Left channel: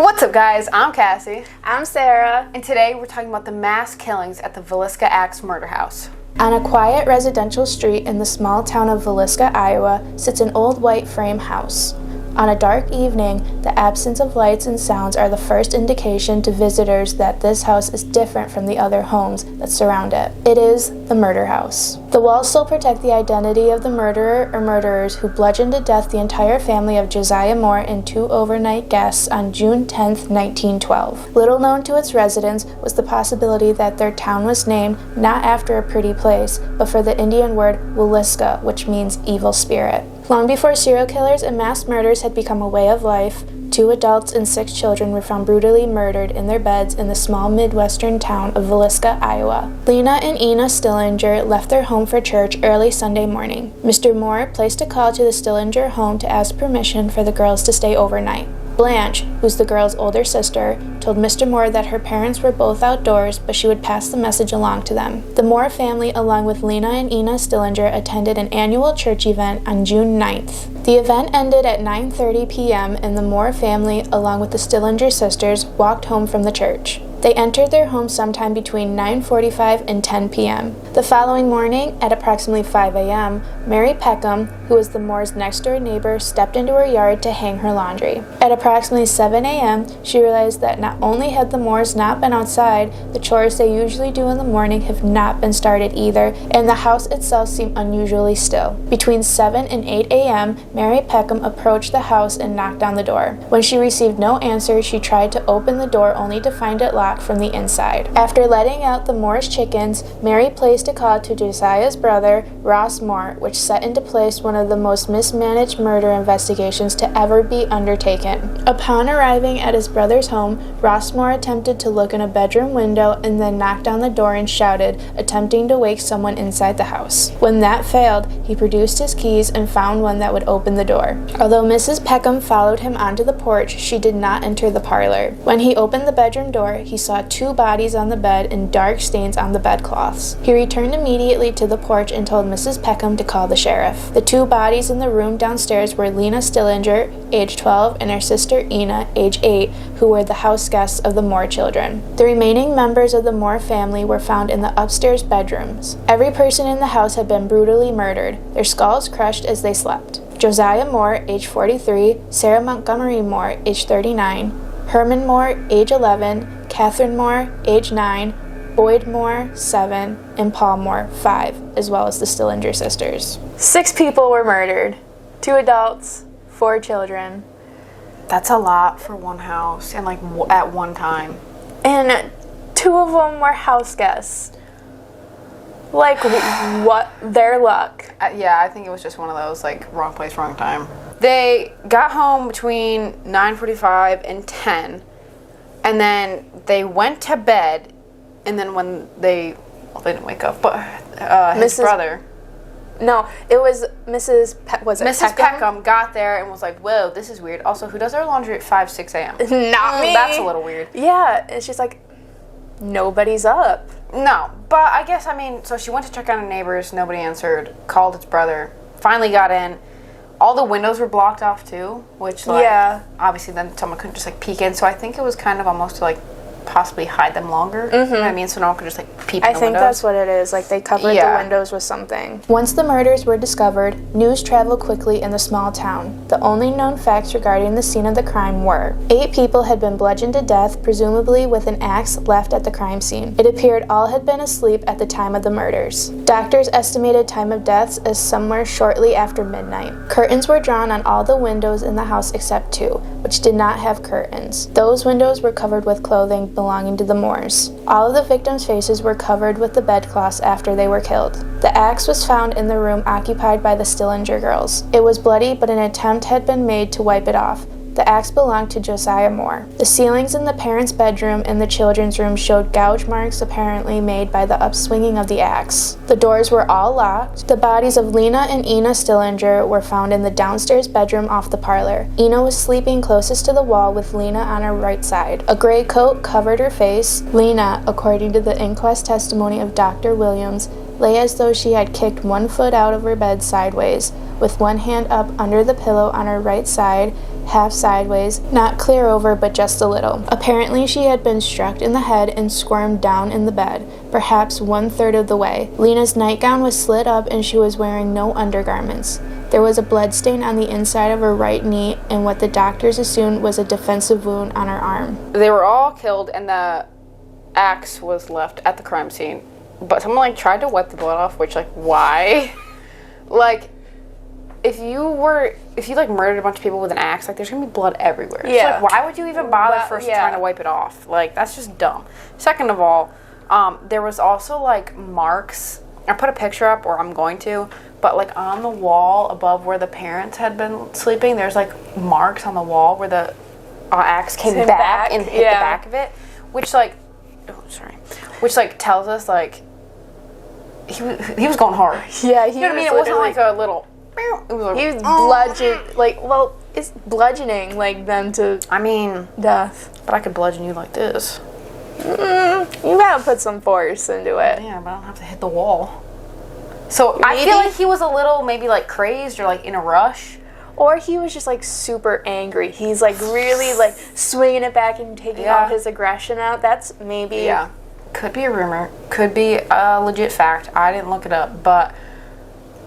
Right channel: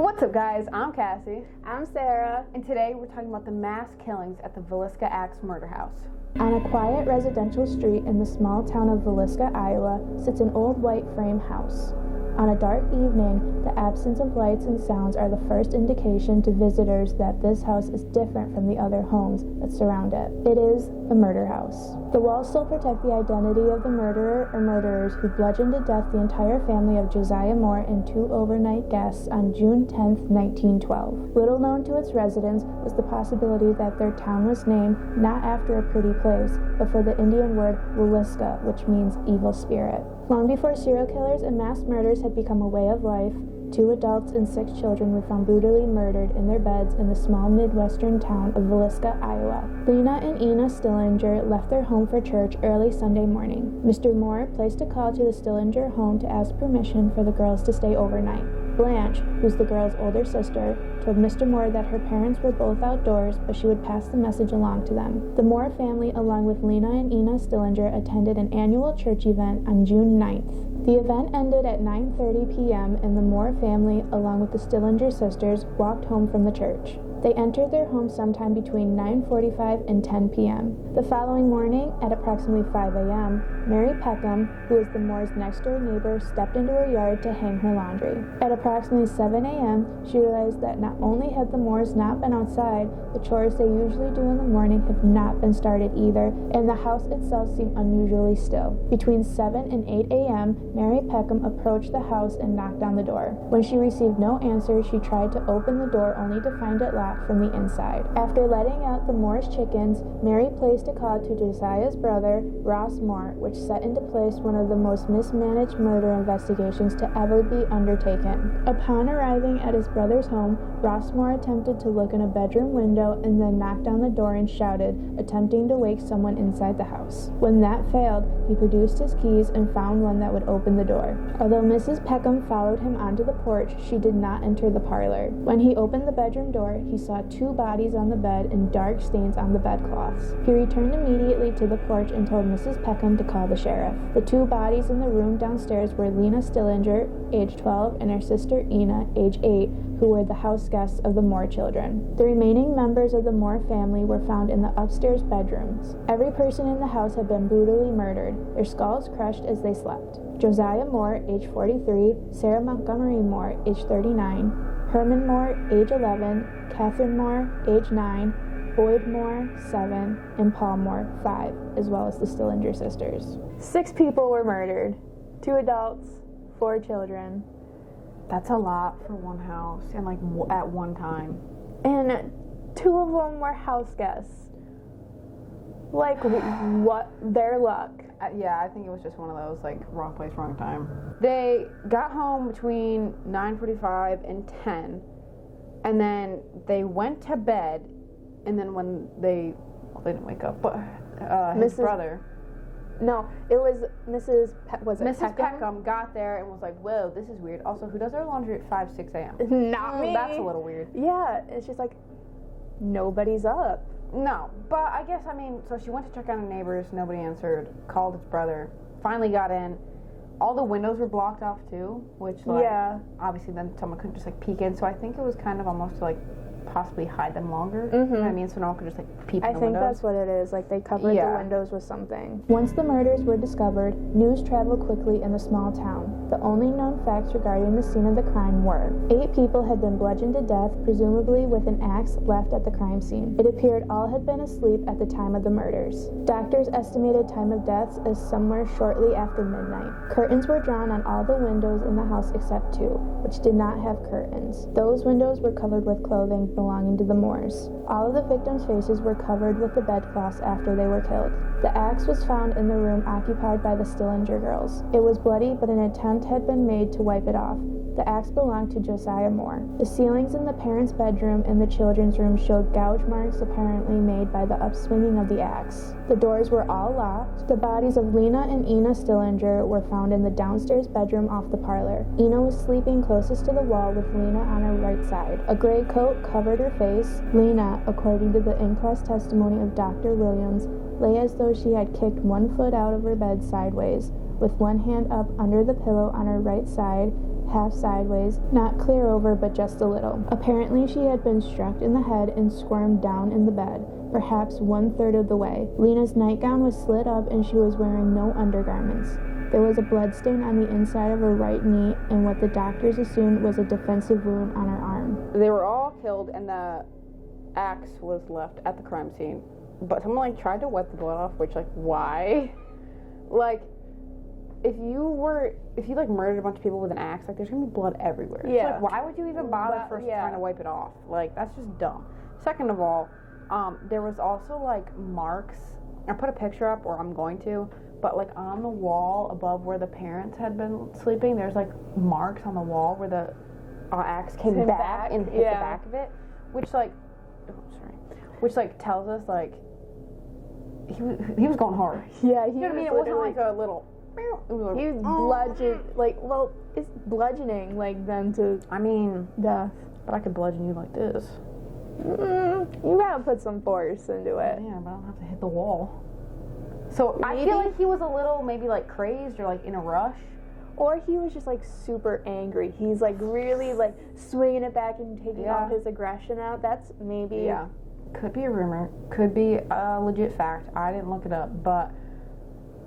What's up, guys? I'm Cassie. I'm Sara. And today we're talking about the mass killings at the Villisca Axe Murder House. On a quiet residential street in the small town of Villisca, Iowa, sits an old white frame house. On a dark evening, the absence of lights and sounds are the first indication to visitors that this house is different from the other homes that surround it. It is the murder house. The walls still protect the identity of the murderer or murderers who bludgeoned to death the entire family of Josiah Moore and two overnight guests on June 10, 1912. Little known to its residents was the possibility that their town was named not after a pretty place, but for the Indian word Wallisca, which means evil spirit. Long before serial killers and mass murders had become a way of life, 2 adults and 6 children were found brutally murdered in their beds in the small Midwestern town of Villisca, Iowa. Lena and Ina Stillinger left their home for church early Sunday morning. Mr. Moore placed a call to the Stillinger home to ask permission for the girls to stay overnight. Blanche, who's the girl's older sister, told Mr. Moore that her parents were both outdoors, but she would pass the message along to them. The Moore family, along with Lena and Ina Stillinger, attended an annual church event on June 9th. The event ended at 9:30 p.m., and the Moore family, along with the Stillinger sisters, walked home from the church. They entered their home sometime between 9:45 and 10 p.m. The following morning, at approximately 5 a.m., Mary Peckham, who was the Moore's next-door neighbor, stepped into her yard to hang her laundry. At approximately 7 a.m., she realized that not only had the Moores not been outside, the chores they usually do in the morning have not been started either, and the house itself seemed unusually still. Between 7 and 8 a.m., Mary Peckham approached the house and knocked on the door. When she received no answer, she tried to open the door only to find it locked from the inside. After letting out the Moore's chickens, Mary placed a call to Josiah's brother, Ross Moore, which set into place one of the most mismanaged murder investigations to ever be undertaken. Upon arriving at his brother's home, Ross Moore attempted to look in a bedroom window and then knocked on the door and shouted, attempting to wake someone inside the house. When that failed, he produced his keys and found one that would open the door. Although Mrs. Peckham followed him onto the porch, she did not enter the parlor. When he opened the bedroom door, he saw 2 bodies on the bed and dark stains on the bedcloths. He returned immediately to the porch and told Mrs. Peckham to call the sheriff. The 2 bodies in the room downstairs were Lena Stillinger, age 12, and her sister Ina, age 8, who were the house guests of the Moore children. The remaining members of the Moore family were found in the upstairs bedrooms. Every person in the house had been brutally murdered, their skulls crushed as they slept. Josiah Moore, age 43, Sara Montgomery Moore, age 39, Herman Moore, age 11, Catherine Moore, age 9, Boyd Moore, 7, and Paul Moore, 5, as well as the Stillinger sisters. 6 people were murdered. 2 adults, 4 children. That's a lot for one house and at one time. And 2 of them were house guests. What? Their luck. Yeah, I think it was just one of those, wrong place, wrong time. They got home between 9:45 and 10, and then they went to bed, and then when they didn't wake up, but his brother. No, it was Mrs. Mrs. Peckham got there and was like, whoa, this is weird. Also, who does their laundry at 5, 6 a.m.? Not me. That's a little weird. Yeah, and she's like, nobody's up. No, but I guess, so she went to check on her neighbors, nobody answered, called his brother, finally got in. All the windows were blocked off too, which obviously then someone couldn't just peek in, so I think it was kind of almost to possibly hide them longer. Mm-hmm. You know what I mean? So no one could just peep in the windows. I think that's what it is. They covered the windows with something. Once the murders were discovered, news traveled quickly in the small town. The only known facts regarding the scene of the crime were 8 people had been bludgeoned to death, presumably with an axe left at the crime scene. It appeared all had been asleep at the time of the murders. Doctors estimated time of deaths as somewhere shortly after midnight. Curtains were drawn on all the windows in the house except 2, which did not have curtains. Those windows were covered with clothing belonging to the Moores. All of the victims' faces were covered with the bedcloths after they were killed. The axe was found in the room occupied by the Stillinger girls. It was bloody, but an attempt had been made to wipe it off. The axe belonged to Josiah Moore. The ceilings in the parents' bedroom and the children's room showed gouge marks apparently made by the upswinging of the axe. The doors were all locked. The bodies of Lena and Ina Stillinger were found in the downstairs bedroom off the parlor. Ina was sleeping closest to the wall with Lena on her right side. A gray coat covered her face. Lena, according to the inquest testimony of Dr. Williams, lay as though she had kicked one foot out of her bed sideways, with one hand up under the pillow on her right side, half sideways, not clear over but just a little. Apparently she had been struck in the head and squirmed down in the bed, perhaps 1/3 of the way. Lena's nightgown was slit up and she was wearing no undergarments. There was a bloodstain on the inside of her right knee and what the doctors assumed was a defensive wound on her arm. They were all killed and the axe was left at the crime scene. But someone, like, tried to wipe the blood off, which, like, why? Like, if you, like, murdered a bunch of people with an axe, like, there's gonna be blood everywhere. Yeah. So, like, why would you even bother trying to wipe it off? Like, that's just dumb. Second of all, there was also, like, marks. I put a picture up, or I'm going to, but, like, on the wall above where the parents had been sleeping, there's, like, marks on the wall where the axe came back and hit the back of it, which, like, tells us, like, he was going hard. Yeah, you know what I mean? It wasn't like a little. It was like, he was bludgeoned. Like, well, it's bludgeoning, like, them to. I mean, death. But I could bludgeon you like this. You gotta put some force into it. Yeah, but I don't have to hit the wall. So maybe, I feel like he was a little maybe like crazed or like in a rush. Or he was just like super angry. He's like really like swinging it back and taking all his aggression out. That's maybe. Yeah. Could be a rumor. Could be a legit fact. I didn't look it up. But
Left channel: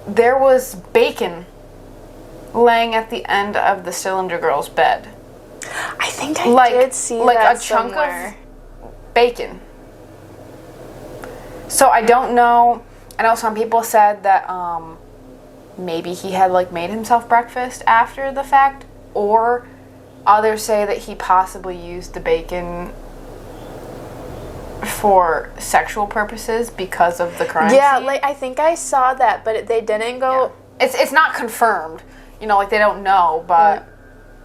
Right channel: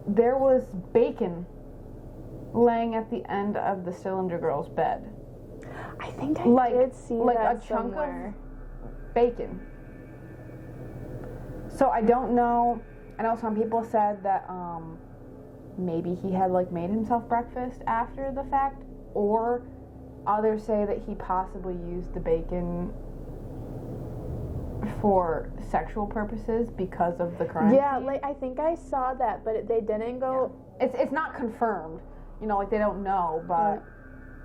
there was bacon laying at the end of the Cylinder Girl's bed. I think I did see that like a chunk of bacon. So I don't know. I know some people said that maybe he had like made himself breakfast after the fact, or others say that he possibly used the bacon for sexual purposes because of the crime scene. Like I think I saw that, but they didn't go. Yeah. It's not confirmed. You know, like they don't know, but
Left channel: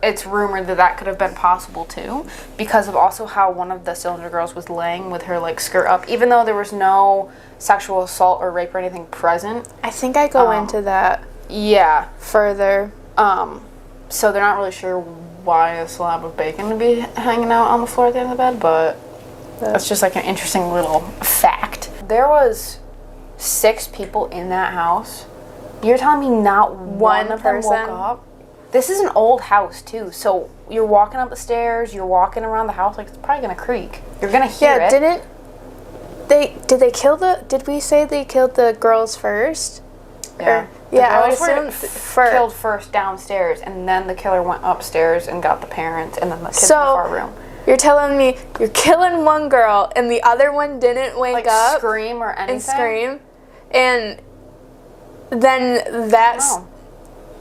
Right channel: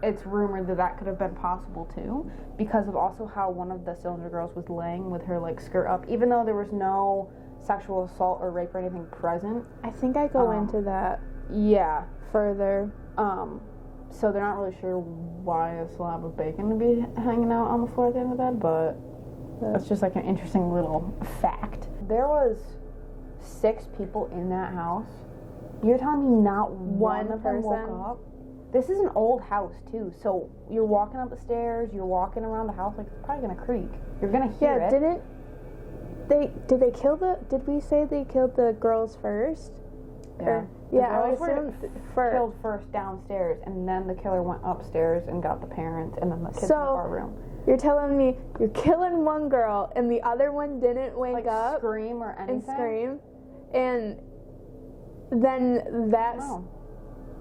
it's rumored that that could have been possible too, because of also how one of the Cylinder Girls was laying with her like skirt up, even though there was no sexual assault or rape or anything present. I think I go into that. Yeah. Further. So they're not really sure why a slab of bacon would be hanging out on the floor at the end of the bed, but that's just like an interesting little fact. There was 6 people in that house. You're telling me not one of them woke up? This is an old house too, so you're walking up the stairs, you're walking around the house, like it's probably gonna creak. You're gonna hear it. Did we say they killed the girls first? Yeah. I would assume assume killed first downstairs, and then the killer went upstairs and got the parents, and then the kids in the far room. You're telling me you're killing one girl, and the other one didn't wake up, scream or anything, and scream, and then that's.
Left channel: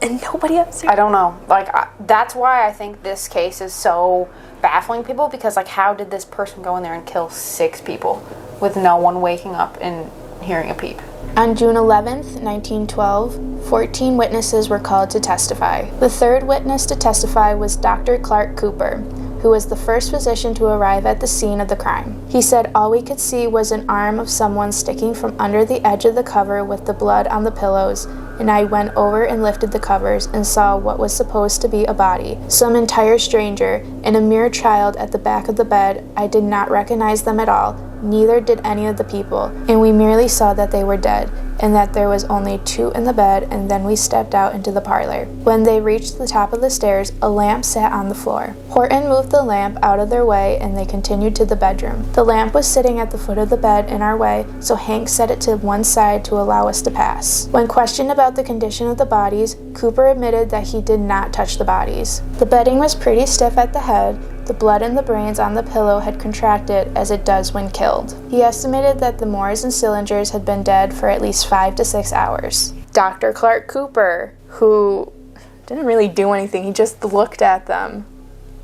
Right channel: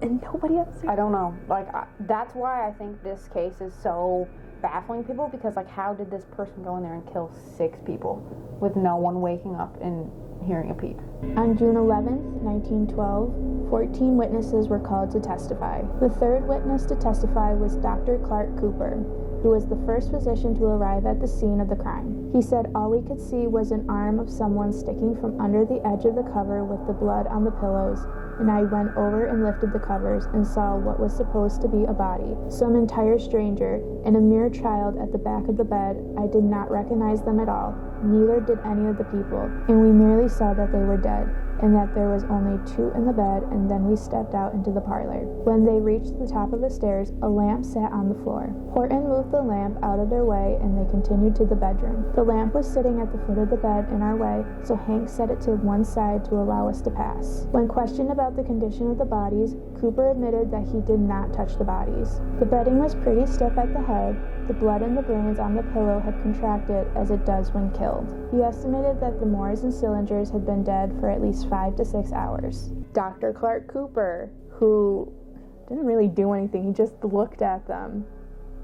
And nobody else. I don't know. Like, that's why I think this case is so baffling people, because, like, how did this person go in there and kill 6 people with no one waking up and hearing a peep? On June 11th, 1912, 14 witnesses were called to testify. The third witness to testify was Dr. Clark Cooper, who was the first physician to arrive at the scene of the crime. He said all we could see was an arm of someone sticking from under the edge of the cover with the blood on the pillows, and I went over and lifted the covers and saw what was supposed to be a body, some entire stranger, and a mere child at the back of the bed. I did not recognize them at all, neither did any of the people, and we merely saw that they were dead, and that there was only 2 in the bed, and then we stepped out into the parlor. When they reached the top of the stairs, a lamp sat on the floor. Horton moved the lamp out of their way, and they continued to the bedroom. The lamp was sitting at the foot of the bed in our way, so Hank set it to one side to allow us to pass. When questioned about the condition of the bodies, Cooper admitted that he did not touch the bodies. The bedding was pretty stiff at the head. The blood in the brains on the pillow had contracted as it does when killed. He estimated that the Moores and Cylinders had been dead for at least 5 to 6 hours. Dr. Clark Cooper, who didn't really do anything, he just looked at them.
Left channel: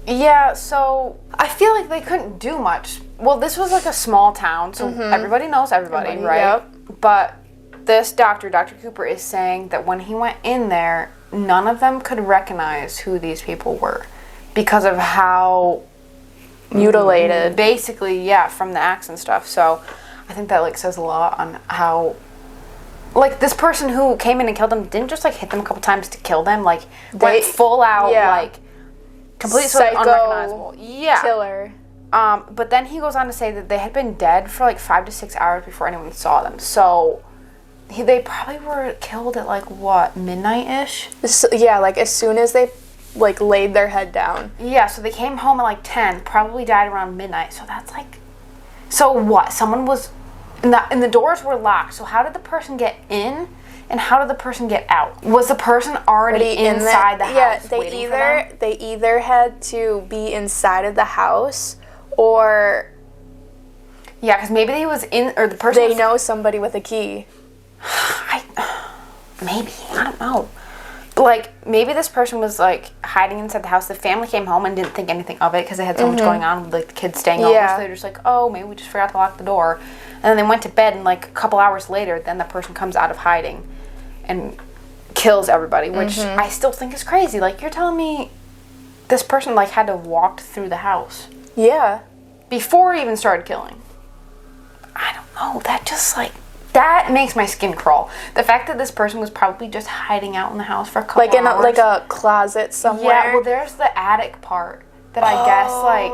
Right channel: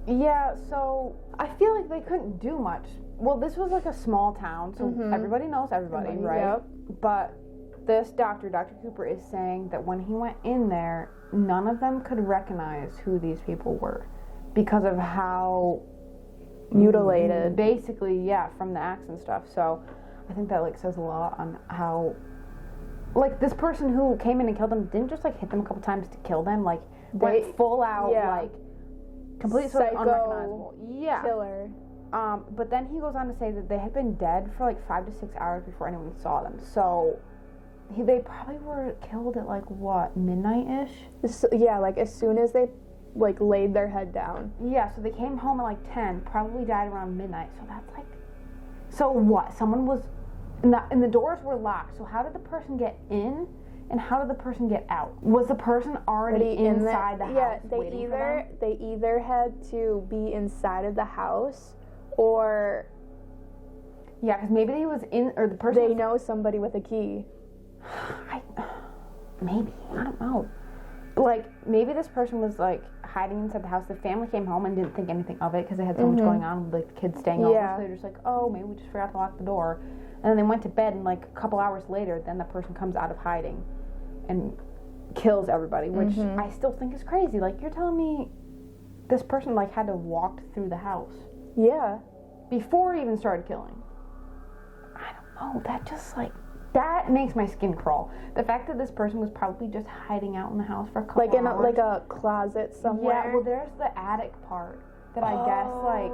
Yeah, so I feel like they couldn't do much. Well, this was like a small town, so everybody knows everybody, right? Yep. But this Dr. Cooper, is saying that when he went in there, none of them could recognize who these people were, because of how mutilated. Basically, from the axe and stuff. So I think that like says a lot on how, like, this person who came in and killed them didn't just like hit them a couple times to kill them. Like, went full out, like, completely psycho, unrecognizable. Killer. But then he goes on to say that they had been dead for like 5 to 6 hours before anyone saw them. So They probably were killed at, like, what, midnight-ish? Yeah, like, as soon as they, like, laid their head down. Yeah, so they came home at, like, 10, probably died around midnight. So that's, like... So what? Someone was... And the doors were locked. So how did the person get in? And how did the person get out? Was the person already inside the house? Yeah, they either had to be inside of the house, or... Yeah, because maybe he was in... Or the person... They know somebody with a key. Maybe. I don't know. But, like, maybe this person was, like, hiding inside the house. The family came home and didn't think anything of it because they had so much going on with, like, the kids staying over. So they're just like, oh, maybe we just forgot to lock the door. And then they went to bed, and, like, a couple hours later, then the person comes out of hiding and kills everybody, which I still think is crazy. Like, you're telling me this person, like, had to walk through the house. Yeah. Before he even started killing. I don't know. That just, like... That makes my skin crawl. The fact that this person was probably just hiding out in the house for a couple hours. Like a closet somewhere. Yeah, well, there's the attic part that I guess, like,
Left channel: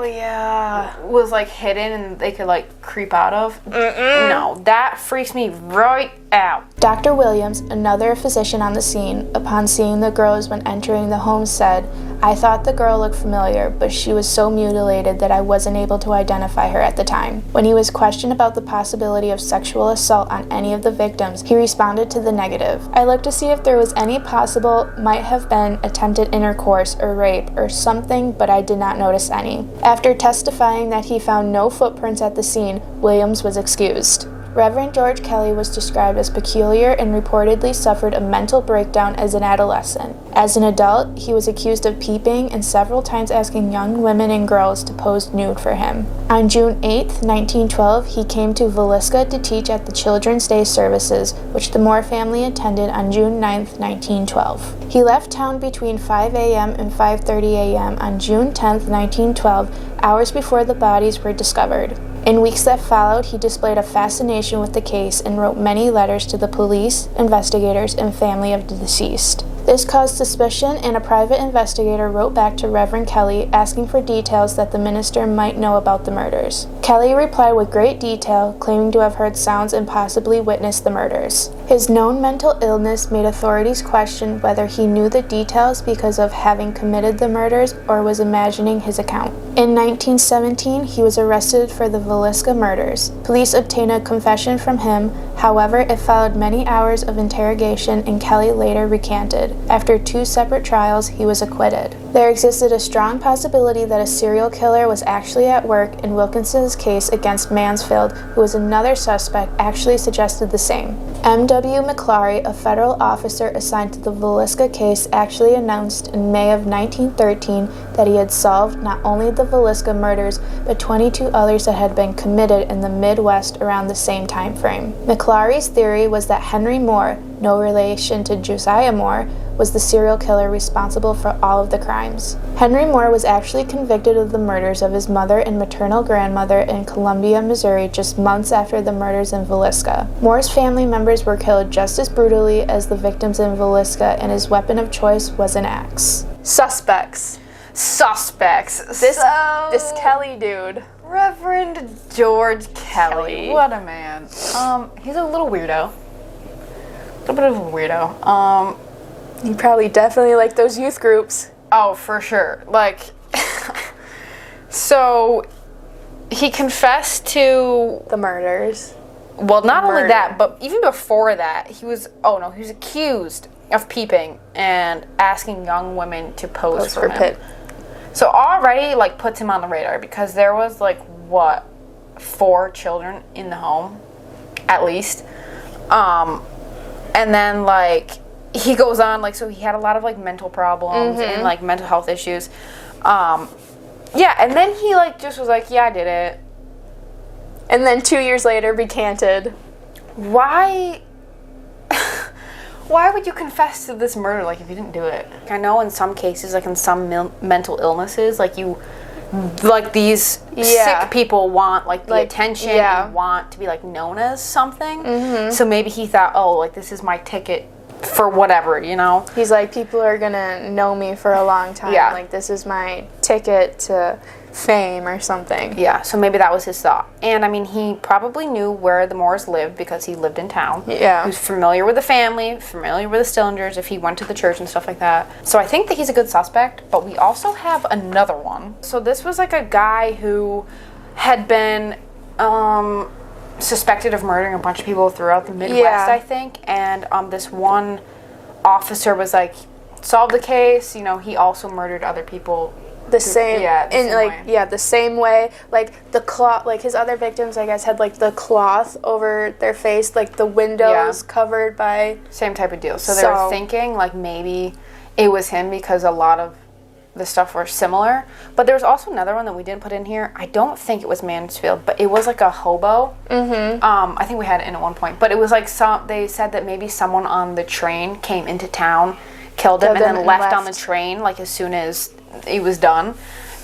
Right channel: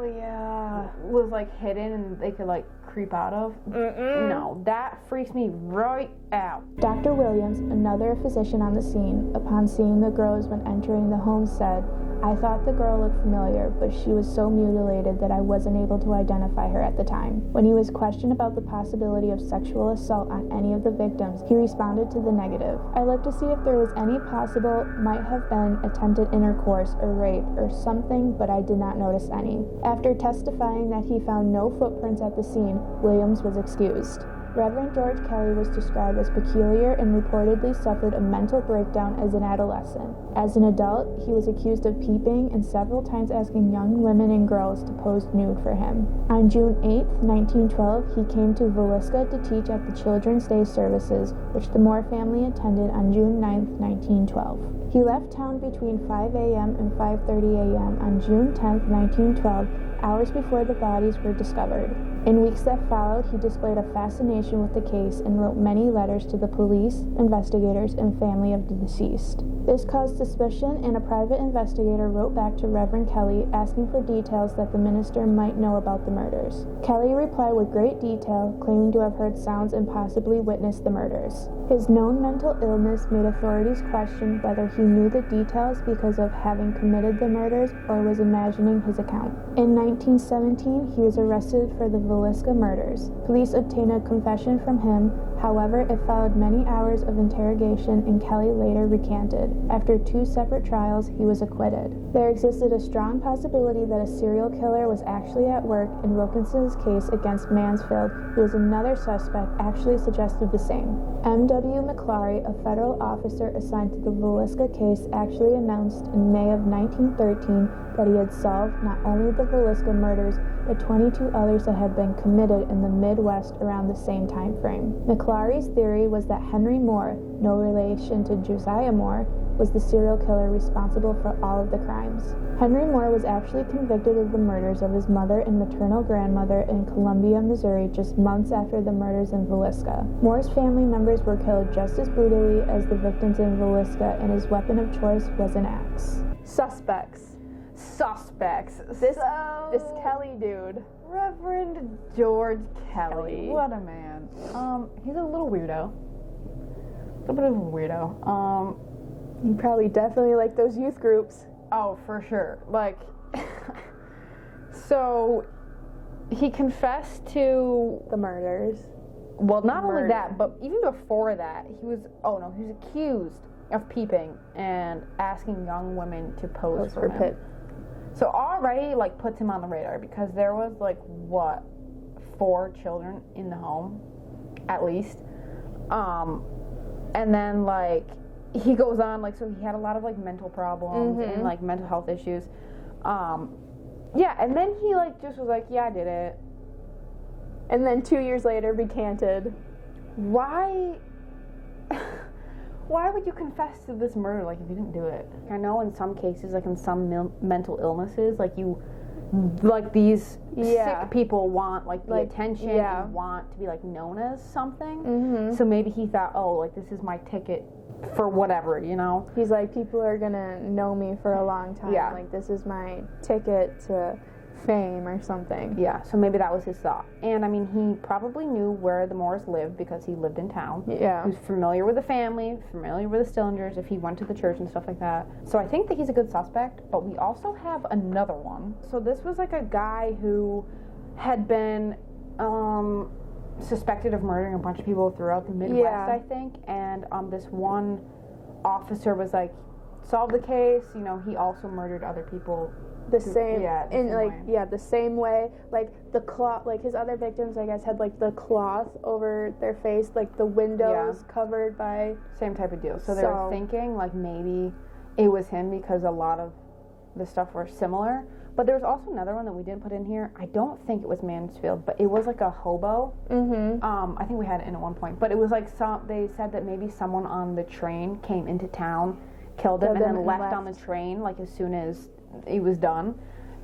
was, like, hidden and they could, like, creep out of. No, that freaks me right out. Dr. Williams, another physician on the scene, upon seeing the girls when entering the home said, "I thought the girl looked familiar, but she was so mutilated that I wasn't able to identify her at the time." When he was questioned about the possibility of sexual assault on any of the victims, he responded to the negative. "I looked to see if there was any possible, might have been attempted intercourse or rape or something, but I did not notice any." After testifying that he found no footprints at the scene, Williams was excused. Reverend George Kelly was described as peculiar and reportedly suffered a mental breakdown as an adolescent. As an adult, he was accused of peeping and several times asking young women and girls to pose nude for him. On June 8, 1912, he came to Villisca to teach at the Children's Day services, which the Moore family attended on June 9, 1912. He left town between 5 a.m. and 5:30 a.m. on June 10, 1912, hours before the bodies were discovered. In weeks that followed, he displayed a fascination with the case and wrote many letters to the police, investigators, and family of the deceased. This caused suspicion, and a private investigator wrote back to Reverend Kelly asking for details that the minister might know about the murders. Kelly replied with great detail, claiming to have heard sounds and possibly witnessed the murders. His known mental illness made authorities question whether he knew the details because of having committed the murders or was imagining his account. In 1917, he was arrested for the Villisca murders. Police obtained a confession from him. However, it followed many hours of interrogation, and Kelly later recanted. After 2 separate trials, he was acquitted. There existed a strong possibility that a serial killer was actually at work, and Wilkinson's case against Mansfield, who was another suspect, actually suggested the same. M.W. McClary, a federal officer assigned to the Villisca case, actually announced in May of 1913 that he had solved not only the Villisca murders, but 22 others that had been committed in the Midwest around the same time frame. McClary's theory was that Henry Moore, no relation to Josiah Moore, was the serial killer responsible for all of the crimes. Henry Moore was actually convicted of the murders of his mother and maternal grandmother in Columbia, Missouri, just months after the murders in Villisca. Moore's family members were killed just as brutally as the victims in Villisca, and his weapon of choice was an axe. Suspects. This Kelly dude. Reverend George Kelly. What a man. He's a little weirdo. A little bit of a weirdo. You probably definitely like those youth groups. Oh, for sure. Like, so he confessed to the murders. Well, not only that, but even before that, he was accused of peeping and asking young women to pose for him. Pitt. So already, like, puts him on the radar because there was, like, 4 children in the home, at least. And then, like, he goes on, like, so he had a lot of, like, mental problems and, like, mental health issues. Yeah, and then he, like, just was like, yeah, I did it. And then 2 years later, recanted. Why would you confess to this murder, like, if you didn't do it? I know in some cases, like, in some mental illnesses, like, these sick people want, like, the attention and want to be, like, known as something. So maybe he thought, oh, like, this is my ticket for whatever, you know? He's like, people are gonna know me for a long time. Yeah. Like, this is my ticket to fame or something. Yeah, so maybe that was his thought. And I mean, he probably knew where the Moores lived because he lived in town. Yeah. He was familiar with the family, familiar with the Stillingers, if he went to the church and stuff like that. So I think that he's a good suspect, but we also have another one. So this was like a guy who had been suspected of murdering a bunch of people throughout the Midwest, I think. And this one officer was like, solved the case, you know, he also murdered other people. The same way. The same way. Like the cloth, like his other victims, I guess, had like the cloth over their face, like the windows covered by. Same type of deal. So they were thinking like maybe it was him because a lot of the stuff were similar. But there was also another one that we didn't put in here. I don't think it was Mansfield, but it was like a hobo. Mm-hmm. I think we had it in at one point, but it was like they said that maybe someone on the train came into town, killed him, and then left on the train like as soon as it was done.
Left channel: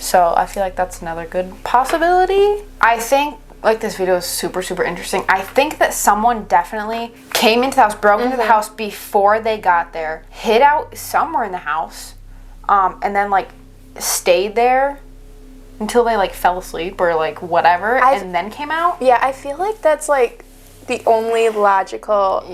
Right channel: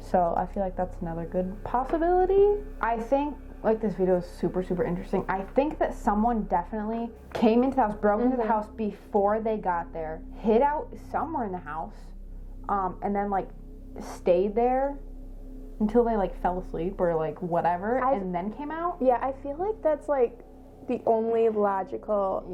So I feel like that's another good possibility. I think like this video is super, super interesting. I think that someone definitely came into the house, broke into the house before they got there, hid out somewhere in the house, and then like stayed there until they like fell asleep or like whatever, and then came out. Yeah, I feel like that's like the only logical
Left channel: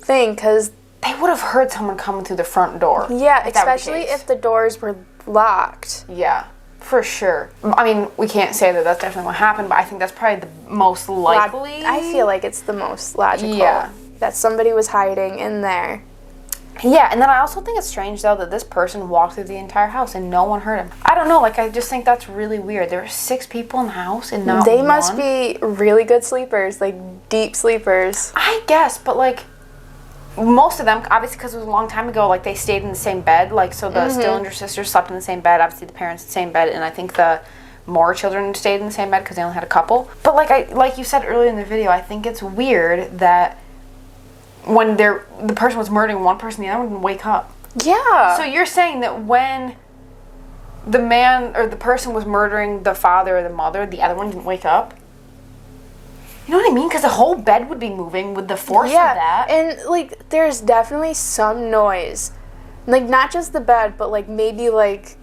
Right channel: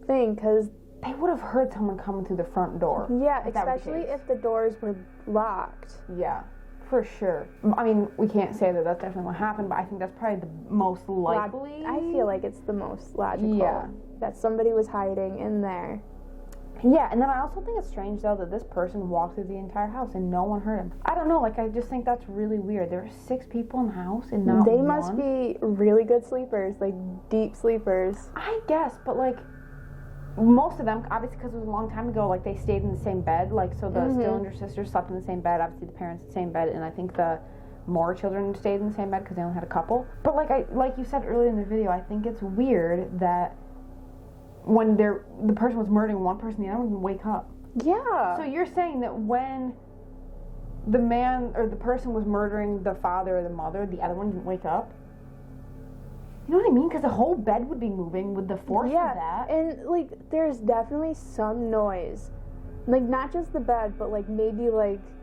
thing, because they would have heard someone coming through the front door. Yeah, especially if the doors were locked. Yeah, for sure. I mean, we can't say that that's definitely what happened, but I think that's probably the most likely. I feel like it's the most logical. Yeah. That somebody was hiding in there. Yeah, and then I also think it's strange, though, that this person walked through the entire house and no one heard him. I don't know, like, I just think that's really weird. There were 6 people in the house and not They one. must be really good sleepers, like, deep sleepers. I guess, but, like, most of them, obviously because it was a long time ago, like, they stayed in the same bed. Like, so the Stillinger sisters slept in the same bed, obviously the parents in the same bed, and I think the Moore children stayed in the same bed because they only had a couple. But, like you said earlier in the video, I think it's weird that when the person was murdering one person, the other one didn't wake up. Yeah. So you're saying that when the man or the person was murdering the father or the mother, the other one didn't wake up? You know what I mean? Because the whole bed would be moving with the force of that. And, like, there's definitely some noise. Like, not just the bed, but, like, maybe, like...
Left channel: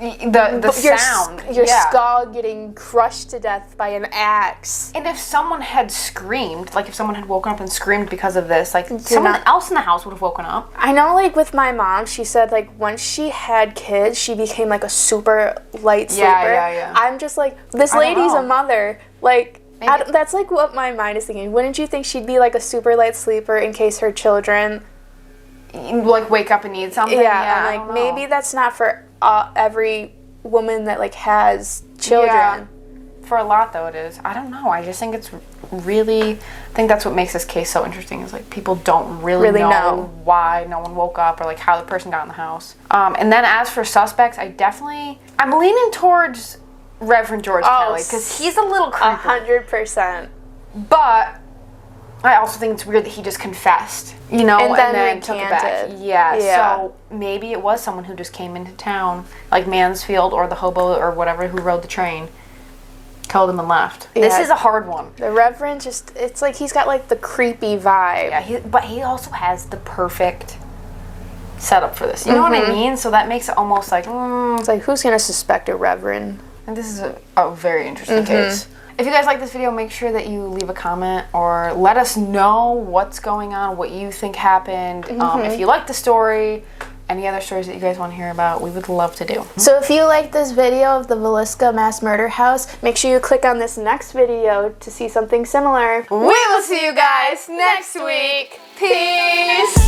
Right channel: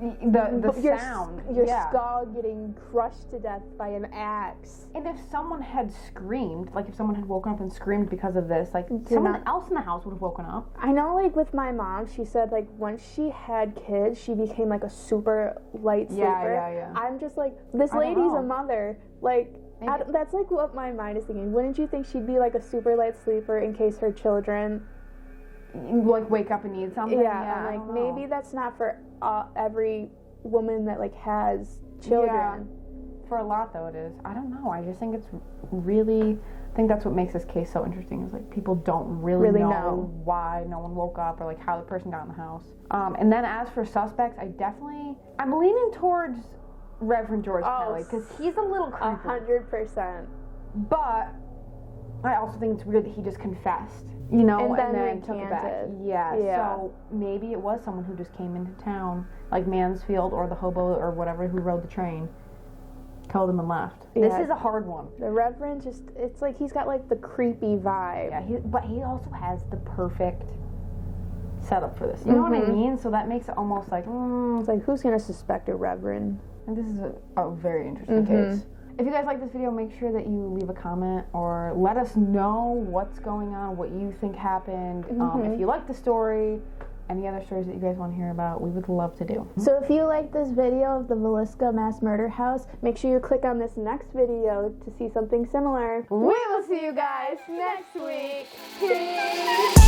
The sound. Your skull getting crushed to death by an axe. And if someone had screamed, like if someone had woken up and screamed because of this, like someone else in the house would have woken up. I know, like with my mom, she said like once she had kids, she became like a super light sleeper. Yeah. I'm just like, this lady's a mother. Like, that's like what my mind is thinking. Wouldn't you think she'd be like a super light sleeper in case her children... like wake up and need something? Yeah, I'm like, maybe that's not for every woman that like has children. Yeah. For a lot though it is. I don't know. I just think it's really, I think that's what makes this case so interesting is like people don't really know why no one woke up or like how the person got in the house. And then as for suspects, I'm leaning towards Reverend George Kelly because he's a little creepy. 100%. But I also think it's weird that he just confessed, you know, and then took it back. Yeah, so maybe it was someone who just came into town, like Mansfield or the hobo or whatever who rode the train, killed him and left. Yeah. This is a hard one. The Reverend just, it's like he's got like the creepy vibe. Yeah, but he also has the perfect setup for this. You know what I mean? So that makes it almost like, It's like, who's going to suspect a Reverend? And this is a very interesting case. If you guys like this video, make sure that you leave a comment or let us know what's going on, what you think happened. If you like the story, any other stories that you guys want to hear about, we would love to do. So if you like this video of the Villisca Mass Murder House, make sure you click on this next video to see something similar. We will see you guys next week. Peace!